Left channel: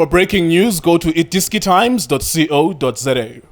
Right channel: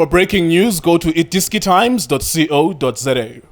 For breaking news, go to itiskitimes.co.za.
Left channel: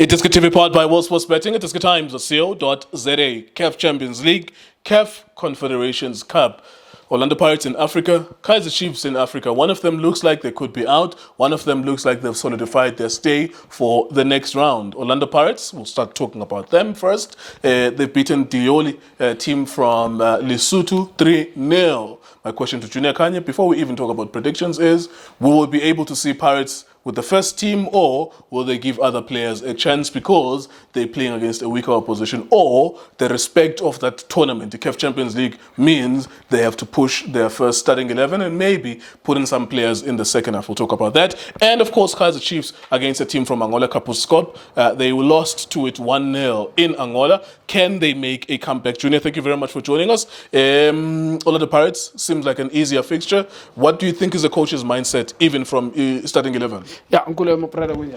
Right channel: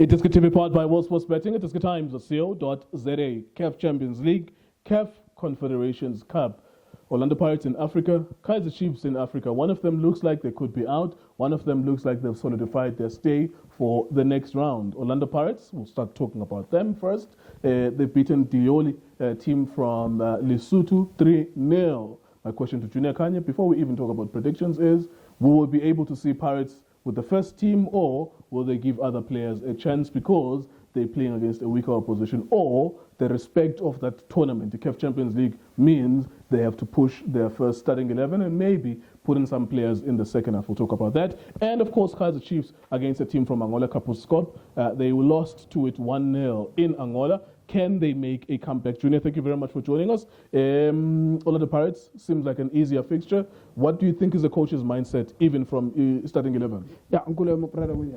Itiski TV powered by World Sports Betting. itiskitimes.co.za. CAF Champions League, CAF Confederations Cup. Orlando Pirates in Africa, Kaizer Chiefs in Africa. One of them looks like they could be out. One of them looks like they've solidified their stay for the next round. Orlando Pirates, we'll start talking about them first. They've beaten Dioli, a team from Lesotho, 3-0. My question to Junior Kanye, before we even talk about predictions, is will we be able to see Pirates with the first team, or will they give other players a chance because they're playing against a weaker opposition, or the respect of that tournament, the CAF Champions League, means they have to push their first starting 11 and maybe put in some players in the second half. We'll talk about that. And of course, Kaizer Chiefs against a team from Angola, Kapuskop. They lost to it 1-0 in Angola. Can they make a comeback? Junior, thank you very much for joining us. Orlando Pirates seems like an easier fixture. What do you think is the coach's mindset, even from starting 11? Yeah, Uncle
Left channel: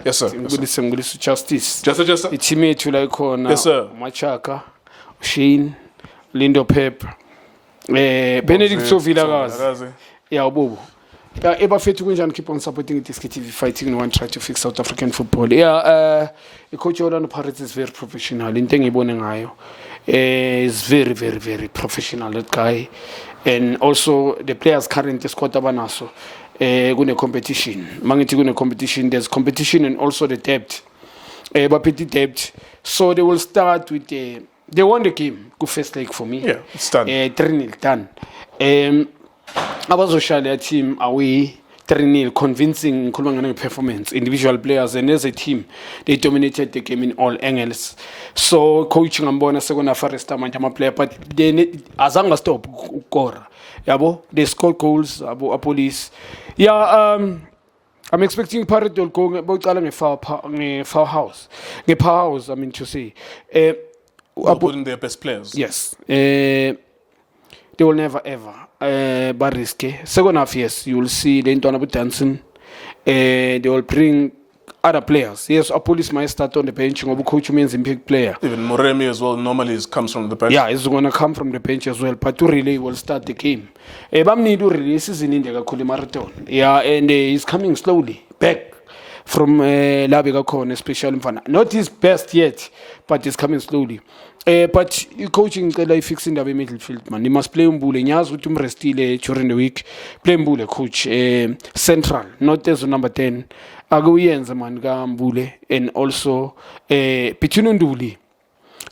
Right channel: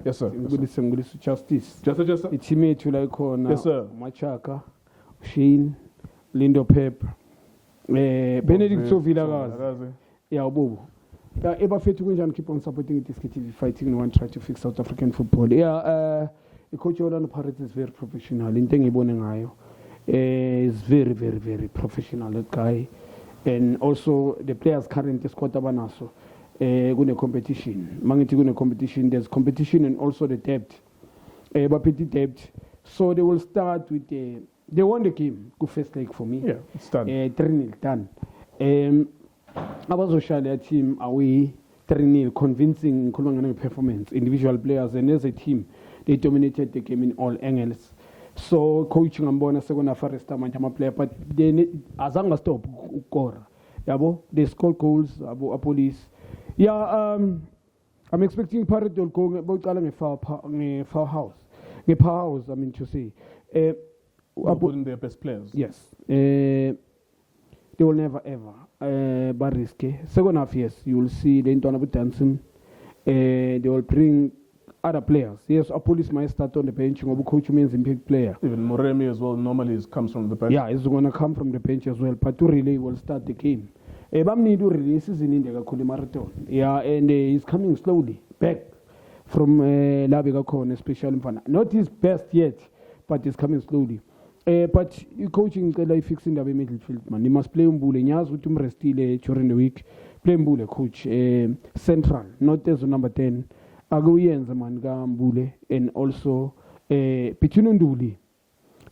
Yes, sir. Ngulisi Justice. Just. Itime ethu la ikhona. Yes, sir. Machaka, Shane, Lindo Pep, Benedict Sovilakazi. Yeah, Bobo. Yeah, ebafethu kunjani keep on supporting Itiski TV, fighting and try to fix South African football. Yeah, coach Orlando Pirates is very professional. Into engibone ngayo. Is very, very, very professional, that guy. And also the players currently squad abanaso. Gune competition. Mangiti gune competition. There's competition and also the depth. Bapeti depth. So they will start with they won the game. Good first leg for me. Yeah, it's done. 3-0 done. Abazoshala team away 3-0, convincing performance. Individual players and as a team, they dominated the game in all angles. So coaching ambona second half first time and player, but they azanga stop ukora. Yabo, they score goals. Abo police. Yeah, I'm expecting Pirates to go about foul house. The powerhouse, I mean to say. Putting their best players. Yes. They will never ever. Bariske. Second half, yes, you will see the Intona dancing. They will bring other players. Yes, a police might start on the bench. Coach means a big player. Even Moremi as well normally comes from the bench. Yeah, it's going to come from the bench as well. But to really will start the game. Bamni do releases in India marathon. Yeah, and he's coming slowly back from Labega Corn, especially not his best yet, but he's coming slowly. But coaching like fixing the midfield, man. He must play Mbule. Nyaz with restile during the week. Play Mbule, coach. Central, not as number 10. Aguyenza man Mbule, and also Pitununduli.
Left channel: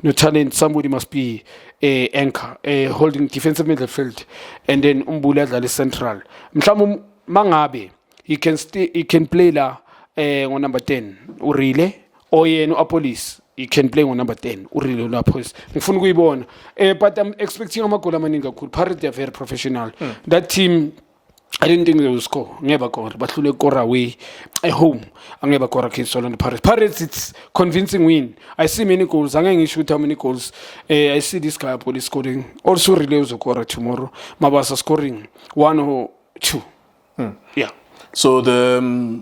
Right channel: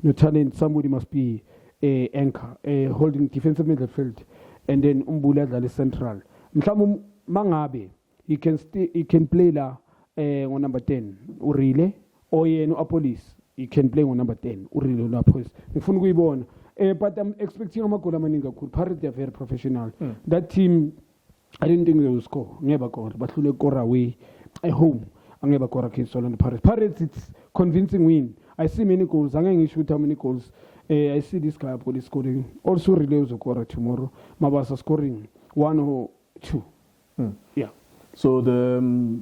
No talent. Somebody must be anchor, holding defensive midfield, and then Mbule at the central. Mshamu Mangabe. He can play la on number 10. Urile or no Apolis. He can play on number 10. But I'm expecting Amakola Maninga could. Pirates are very professional. That team, I didn't think they will score. Never score. But they go away at home. I never score against Orlando Pirates. Pirates, it's convincing win. I see many goals. I'm going to shoot how many goals. I see this guy Police scoring. Also relays Okora tomorrow. Mabasa scoring 1 or 2. Yeah. So the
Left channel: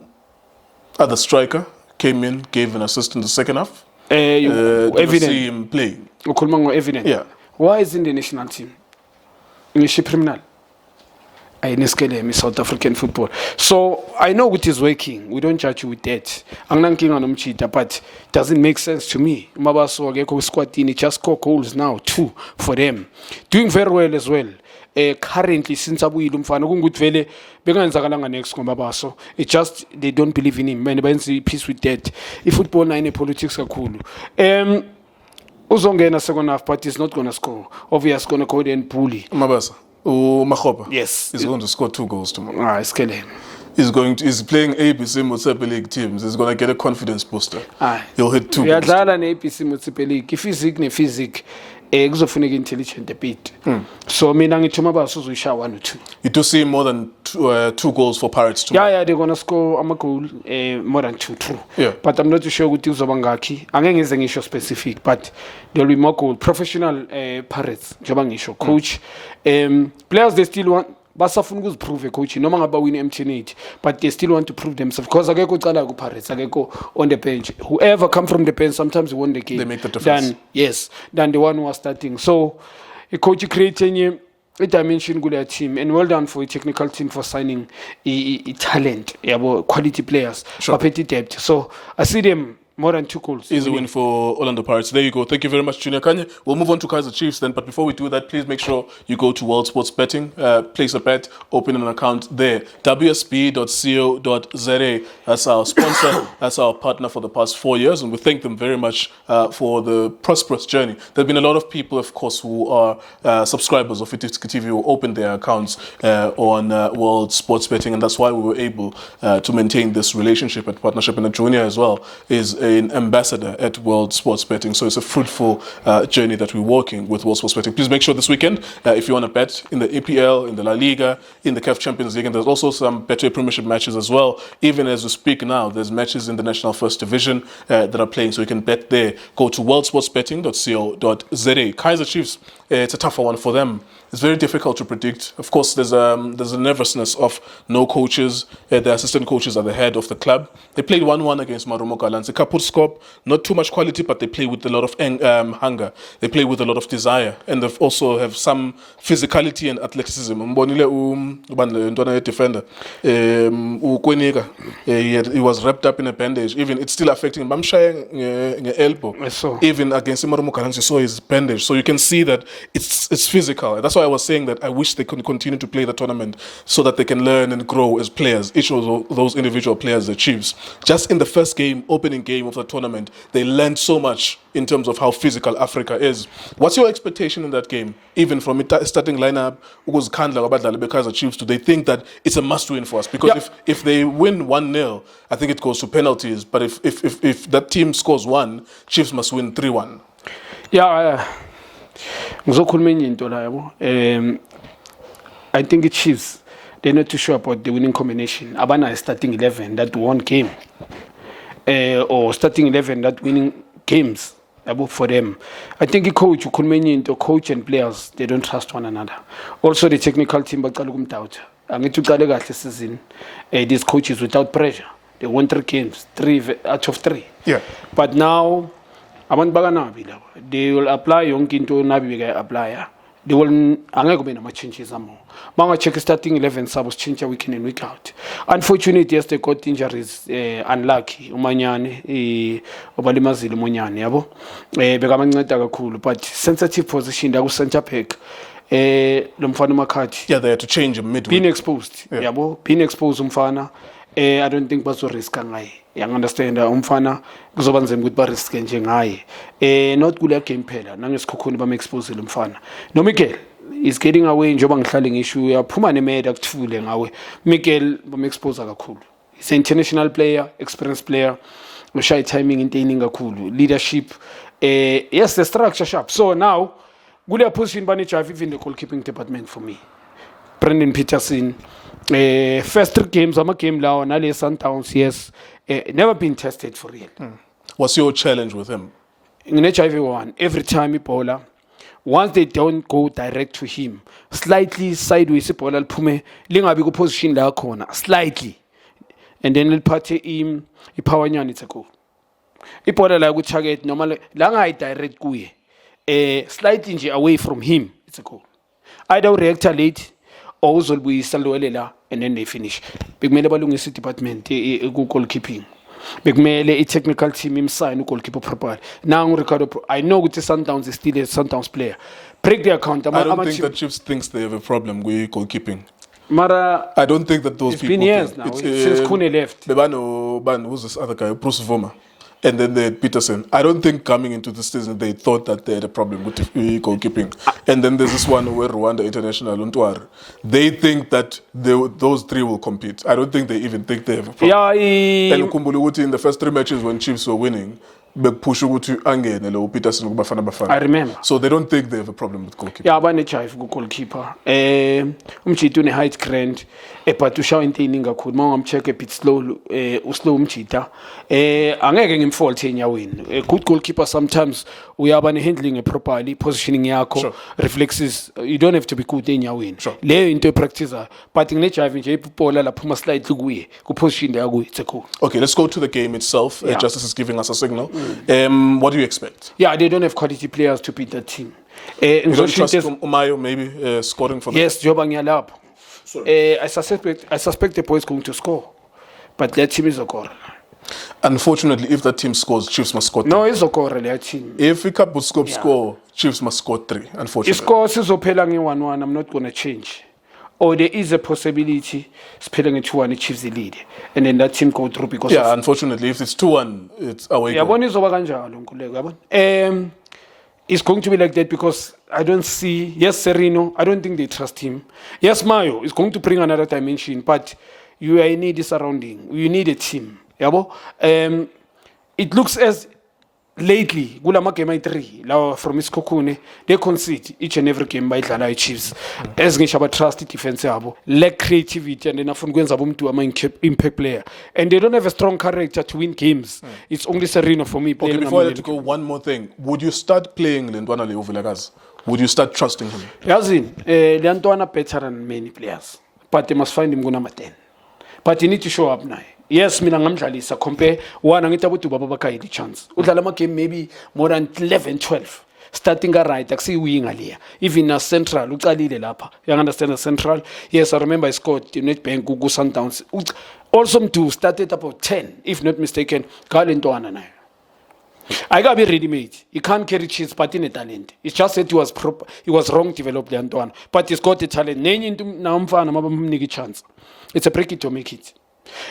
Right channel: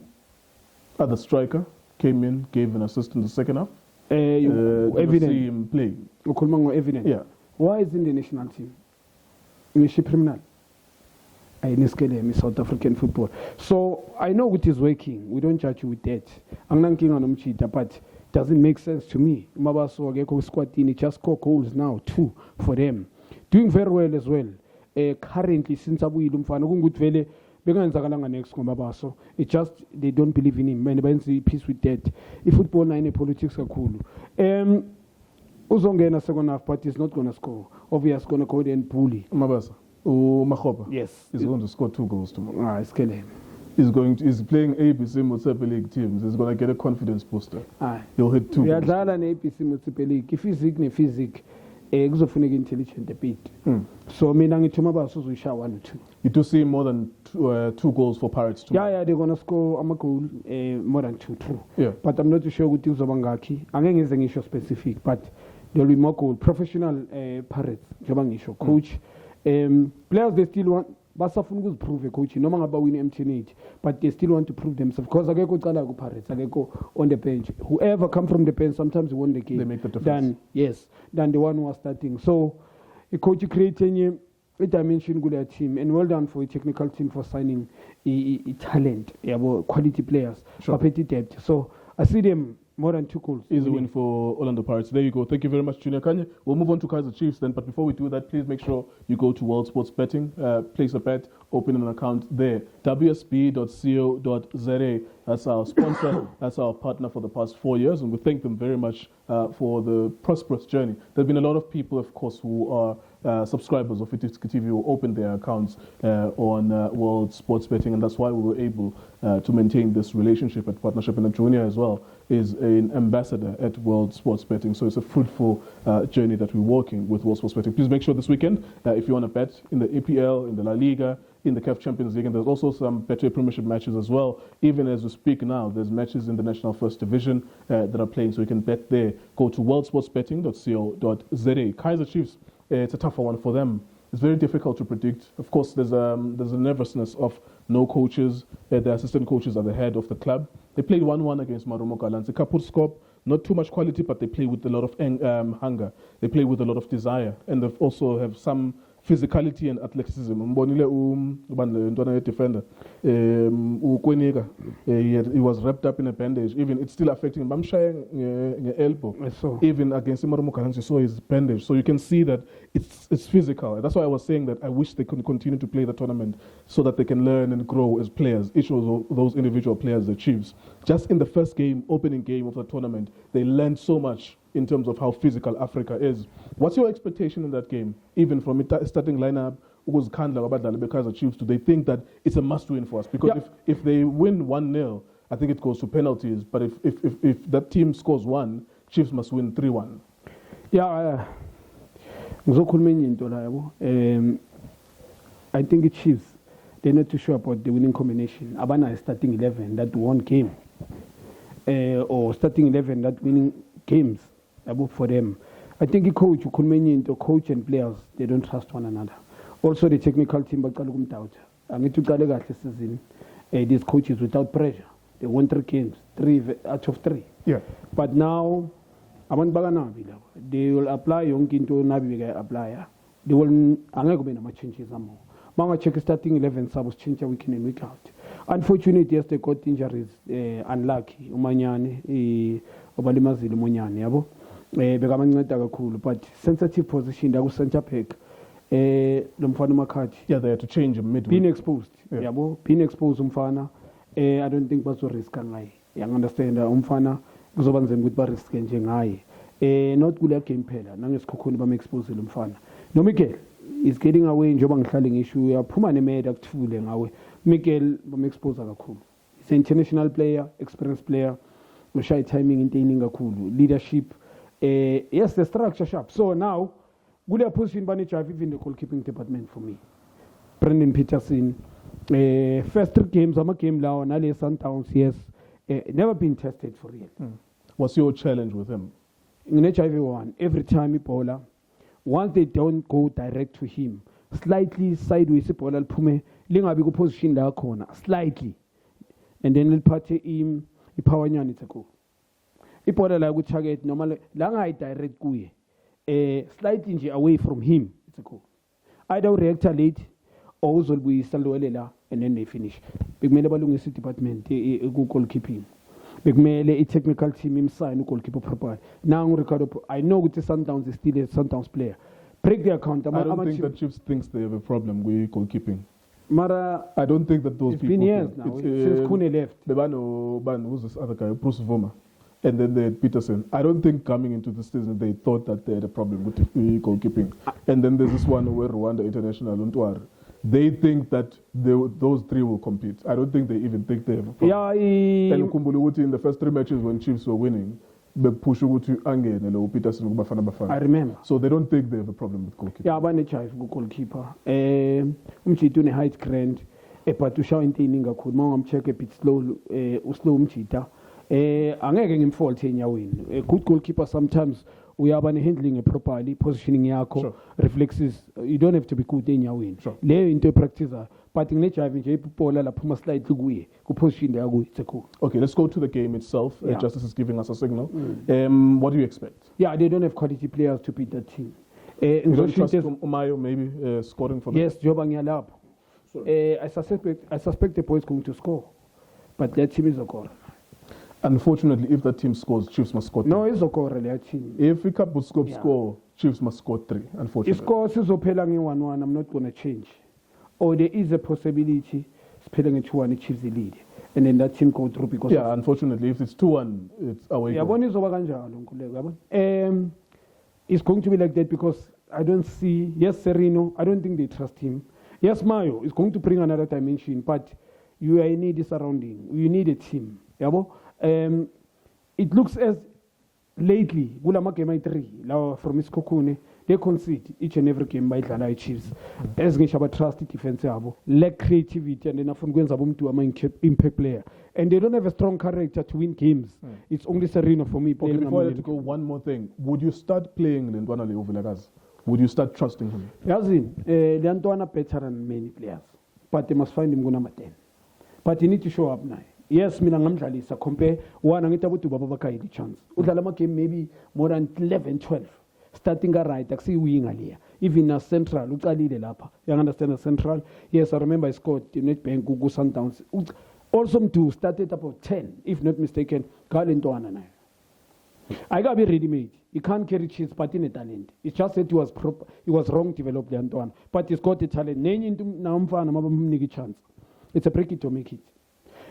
other striker came in, gave an assist in the second half. Evident. See him play. Evident. Yeah. Why is in the national team? English criminal. I in South African football. So I know it is working. We don't judge you with that. I'm not king on cheater, but it doesn't make sense to me. Mabaso Geko squad in just score goals now, 2 for them. Doing very well as well. Currently, since Abu Ilumfano good vele, Beganzagalanga next Mabaso. It's just they don't believe in him. Man, peace with that. If football and politics are cool. Uzongena second half, but he's not gonna score. Obviously, gonna go there and bully. Mabasa. Mahoba. Yes. He's going to score 2 goals tomorrow. It's killing. He's playing ABC Motsepe League teams. He's going to get a confidence booster. He'll hit 2 goals. ABC Motsepe League. If physique, kuzofuneka intelligent a bit. So mina ngithi Mabaso uzoyisha 1 or 2. You do see more than 2 goals for Pirates tomorrow. Yeah, they're gonna score a goal more than 2, true. Yeah. But I'm not too sure ukuthi uzoba ngakhi. Angeke ngize ngisho specific, but there'll be more goal. Professional Pirates, njengoba ngisho coach. Players they still want basafuna ukuziprove coach noma ngaba win MTN8, but they still want to prove themselves because akekho ucala ku Pirates, akekho on the bench. Whoever come from the bench sometimes won the game. They make the difference. Than the one who was starting. So a coach creating i-dimension kuleya team, and well done for i-technical team for signing i-talent, yabo, quality players, Sure. baphethe depth. So I see them more than 2 goals. Easy win for Orlando Pirates. There you go. Thank you very much, Junior Kanye. We'll move on to Kaiser Chiefs then. But before we do that, please make sure you go to World Sports Betting, place a bet, open an account there. WSB.co.za. That's our sponsor. That's our partner for the past 4 years. And we thank them very much for the prosperous journey. There have been a lot of people, of course, who are subscribers of Itiska TV who opened their accounts on World Sports Betting. And that's why we were able to maintain this relationship and partnership. And Junior as well is an ambassador at World Sports Betting. So it's a fruitful journey that we're working with World Sports Betting. Please make sure this weekend, if you want to bet in the EPL, in the La Liga, in the CAF Champions League, and there's also some Betway Premiership matches as well. Even as we speak now, there's matches in the National First Division that are playing, so you can bet there. Go to worldsportsbetting.co.za. Kaiser Chiefs, it's a tougher one for them. It's very difficult to predict. Of course, there's a nervousness of no coaches. The assistant coaches are the head of the club. They played 1-1 against Marumo Gallants. A couple scope, not too much quality, but they play with a lot of hunger. They play with a lot of desire, and they also have some physicality and athleticism. Mbonile ntwana defender, Kwenika, he was wrapped up in a bandage. Even it's still affecting him. Bamshaya elbow. I saw. Even against Marumo Gallants, you saw his bandage. So you can see that it's physical. That's why I was saying that I wish they could continue to play the tournament so that they can learn and grow as players, each of those individual players, the Chiefs. Just in the first game, opening game of the tournament, they learned so much in terms of how physical Africa is. What's your expectation in that game? Even from starting lineup, Kaiser Chiefs, do they think that it's a must-win for us? Because if they win 1-0, I think it goes to penalties. But if that team scores 1, Chiefs must win 3-1. Yeah, ngizokhuluma enye into la yabo. I think the Chiefs, they're not too sure about the winning combination. Abana starting 11 that won game, or starting 11 that winning games for them. I think the coach, coach and players, they don't trust one another. Also the technical team, season, these coaches without pressure. They won 3 games, 3 out of 3. Yeah. But now, they will apply yonke into nabi apply. They will angeke be nama changes amo. Manga check starting 11 subs change week in and week out. Unfortunately, yes, they got injuries, unlucky. Umanyane, obalimazile umanyane yabo. Bekamanceda kakhulu, but sensitive position la ku center back. Lo mfana Makhathi. Yeah, they had to change him midweek. Being exposed. Yabo, being exposed umfana. I don't think bazo risk ngaye. Yang understand umfana kuzoba nzima ukuthi ba risk nje ngaye. Not kule game phela nangesikhukhuni bam expose umfana. No Mikel is getting away njoba ngihlale ngisho uyaphuma nemeda kuthule ngawe. Mikel bam expose kakhulu. He's an international player, experienced player. Ushaya timing intaining kakhulu, leadership. Yes, the structure sharp. So now kule position bani drive even the goalkeeping department for me. Brendan Peterson. First 3 games, I'm a game now, Nale Sundowns, yes, never been tested for real. What's your challenge with him? In HIV1, every time he bowler, once they don't go direct to him, slightly sideways, bowler pume, linga bigo position la corner, slightly, and then he'll party him, he power nyan it's a goal. He bowler like with target normally, langa direct kuye, slightly away from him, it's a goal. Either react late. Also we salwelela and then they finish. Bekumele balungisa department goalkeeping. Bekumele technical team imsign goalkeeper properly. Now Ricardo, I know with the Sundowns is still a Sundowns player. Break the account. I don't think that Chiefs thinks they have a problem with goalkeeping. Mara, I don't think that those it's people. Been years think. now. It's, since Kune left. Who's this other guy? Bruce Voma. And then they had Peterson. I don't think coming into this season they thought that they had a problem with goalkeeping. And then there's this one where Rwanda International, Untwar. They think that those 3 will compete. I don't think they even think they have a problem. Yeah, And Kumbuluguti in the first 3 matches when Chiefs were winning, Peterson. I remember. So they don't think they have a problem with goalkeeping. Yeah, abane chief goalkeeper. Umchita une height grand. But ushawa intaining kakhulu. Mawamcheck a bit slow, uslow umchita. Angeke ngimfault enyaweni. A good goalkeeper sometimes uyaba handling it properly, positioning yakho, sure. Reflexes. You don't have to be good enyaweni. Sure. Leyo into practice. But nginechive nje ipola la phuma slightly kuye. Ku position yakho it's a cool. Okay, let's go to the game itself. Justice is giving us a signal. What do you expect? Yeah, they don't have quality players to beat that team. You don't trust Umayo maybe scoring for them? Yes, Joba Nyalap. I suspect the boy is going to score, but that team is Okora. Unfortunately, if that team scores, Chiefs must score 3. No, it's Okora, that team. If Cup would score, Chiefs must score 3, unfortunately. If scores is Opelangi 1-1, I'm not going to change. Or there is a possibility Spelling 2-1, Chiefs the lead. And then that team go through because unfortunately, if it's 2-1, it's away goal. It's going to be like that because I don't see, yes, Serino, I don't think they trust him. Yes, Mayo is going to bring another dimension, but you need a surrounding. You need a team. It looks as lately, Gulama game 3, from Miss Kokune, they concede each and every game by the Chiefs. As Nishaba trusted defense, lack creativity, and then from Gwenzabum to an impact player. And they don't have a strong character to win games. It's only Serino for me. Okay, before I let you go, one more thing. Would you start playing Lentwana Leo Vilagaz? Would you start trusting him? Yazin, Lentwana better than many players, but they must find him gonna 10. But he need to show up now. Yes, mina ngamdlalisa compare one angithi abantu babaka the chance. Udlala ama game maybe more than 11 12. Starting a right akusi winga leya. Even a central uqalile lapha. You understand a central? Yes, I remember I scored Nedbank ku Sundowns. Also mdu started about 10 if not mistaken. Galentwana nayo. I got be ready made. He can't carry cheese, but in a talent. It's just that he was wrong developed the Antoine. But he's got the talent. Nenye into na umfana mabamniki chance. It's a break it to make it.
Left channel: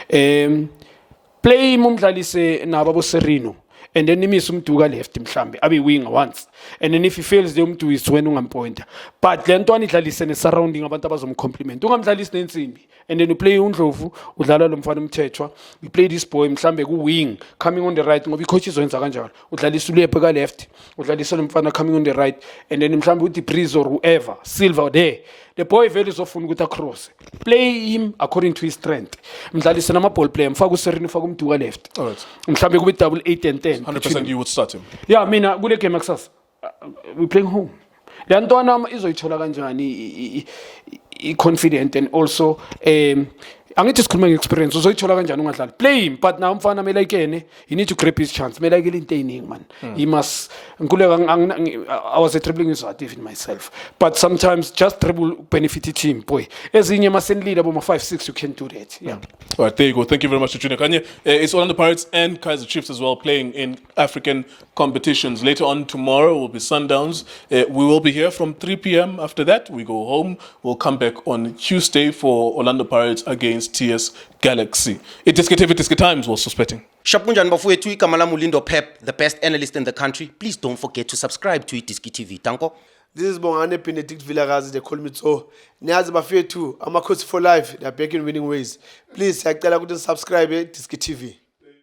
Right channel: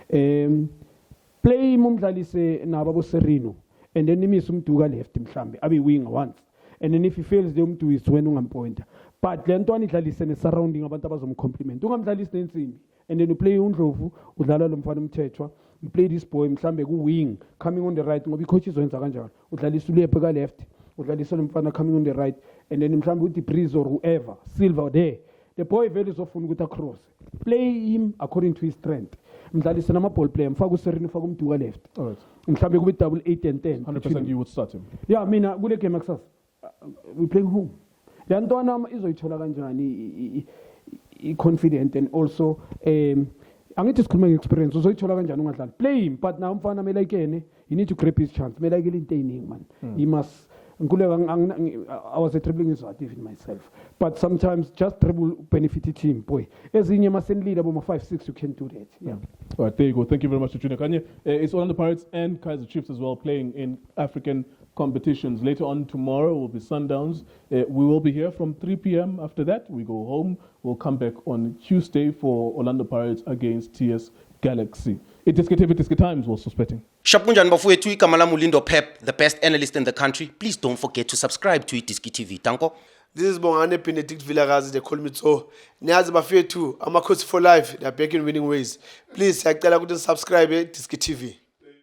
Play mumdlalise nababo Serino and then nimise umduka left mhlambe abe winger once and then if he fails the umdu is when ungampointer but le nto anidlalise ne surrounding abantu abazomcompliment ungamdlalisi nensimbi and then you play uNdlovu udlala lo mfana umthethwa you play this boy mhlambe ku wing coming on the right ngoba icoaches wenza kanjalo udlalisa ulephe ka left udlalisa lo mfana coming on the right and then mhlambe uthi Breeze or whoever Silva there. The boy very often with a cross. Play him according to his strength. Mdlalisa nama ball player. Mfaku Serino mfaku mduka left. All right. Mhlambe kube double 8 and 10. 100% you would start him. Yeah, mina kule game akusasa. We playing home. Le ntwana izoyithola kanjani I confident and also angithi sikhuluma ngeexperience uzoyithola kanjani ungadlali play him but now umfana mele ayikene he need to grab his chance mele ayikele into eyiningi man he must I was a dribbling user in myself but sometimes just dribble benefit the team boy ezinye masen leader boma 5-6 you can do that yeah. All right, there you go. Thank you very much to Junior Kanye. It's Orlando Pirates and Kaizer Chiefs as well playing in African competitions. Later on tomorrow will be Sundowns. We will be here from 3 p.m. After that, we go home. We'll come back on Tuesday for Orlando Pirates against TS Galaxy. It is TV Times was suspecting. Shapunjan bafowethu igama lami uLindo Pep, the best analyst in the country. Please don't forget to subscribe to iDiski TV. Tanko. This is Bongane Benedict Vilakazi, they call me so. Niyazi bafowethu, ama coach for life, they are back in winning ways. Please, siyacela ukuthi subscribe iDiski TV.